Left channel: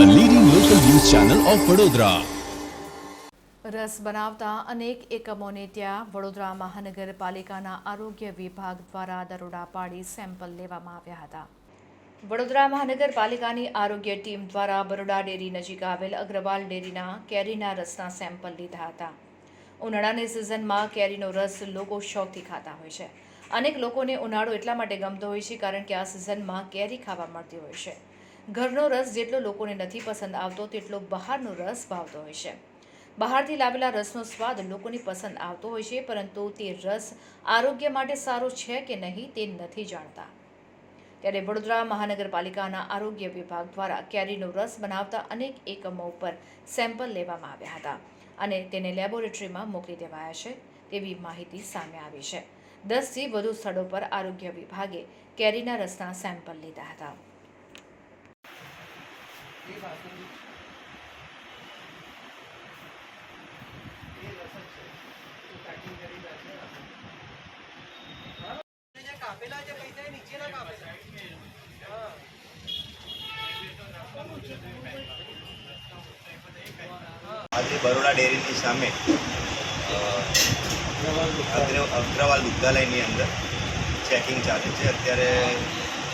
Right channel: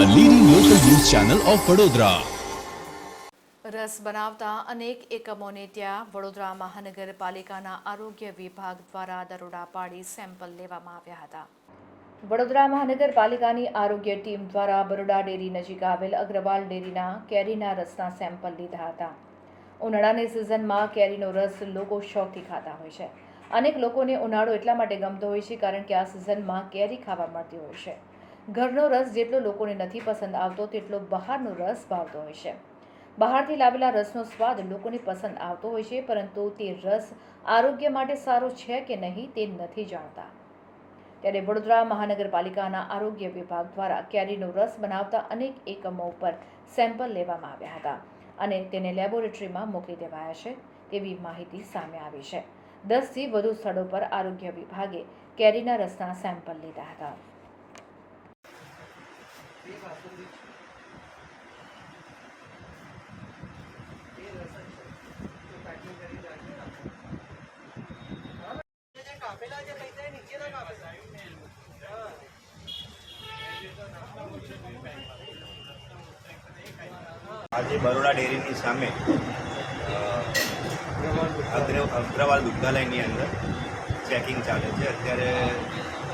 Channel of Vadodara રસ બનાવતા અનેક એકમોને ત્યાં વડોદરા મહાનગરપાલિકાના આરોગ્ય વિભાગ દ્વારા દરોડા પાડી સેમ્પલ લેવામાં આવ્યા હતા. વડોદરા મહાનગરપાલિકાની આરોગ્ય ટીમ દ્વારા બરોડા ડેરી નજીક આવેલ અગ્રવાલ ડેરીના કેરીના રસના સેમ્પલ લીધા હતા. ઉનાળાની સિઝનમાં કેરીનો રસ લોકો શોખથી ખાતા હોય છે. અનેક લોકોને ઉનાળો એટલા માટે ગમતો હોય છે કારણ કે આ સિઝનમાં કેરી ખાવા મળતી હોય છે. ઘરનો રસ જેટલો લોકોને નથી પસંદ આવતો, તેટલો બહારનો રસ ભાવતો હોય છે. બહારથી લાવેલા રસનો સ્વાદ લોકોને પસંદ આવતો હોય છે, પરંતુ તે રસ આરોગ્ય માટે સારો છે કે નહીં તે નથી જાણતા. ત્યારે વડોદરા મહાનગરપાલિકાના આરોગ્ય વિભાગ દ્વારા કેરીનો રસ બનાવતા અનેક એકમો ઉપર સેમ્પલ લેવામાં આવ્યા હતા અને તેને લેબોરેટરીમાં મોકલી દેવાયા છે તેવી માહિતી સામે આવી છે. દસથી વધુ સ્થળો પર આરોગ્ય વિભાગે કેરીના રસના સેમ્પલ લીધા હતા. આજે બરોડા ડેરીની સામે અગ્ર- અગ્રવાલ દુગ્ધાલયની અંદર ચેકિંગ ચાલે છે. અત્યારે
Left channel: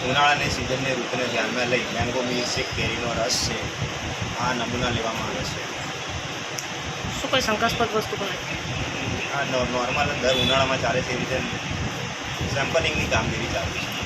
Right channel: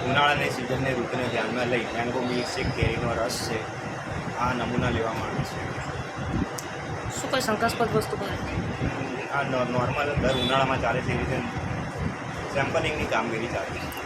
ઉનાળાની સિઝનની ઋતુને ધ્યાનમાં લઈ મેંગો મિલ્કશેક કેરીનો રસ છે આ નમૂના લેવામાં આવે છે. શું કોઈ શંકાસ્પદ વસ્તુ પણ આ નોર્મલ દર ઉનાળામાં ચાલે છે એ રીતે સેમ્પલિંગની કામગીરી ચાલે છે.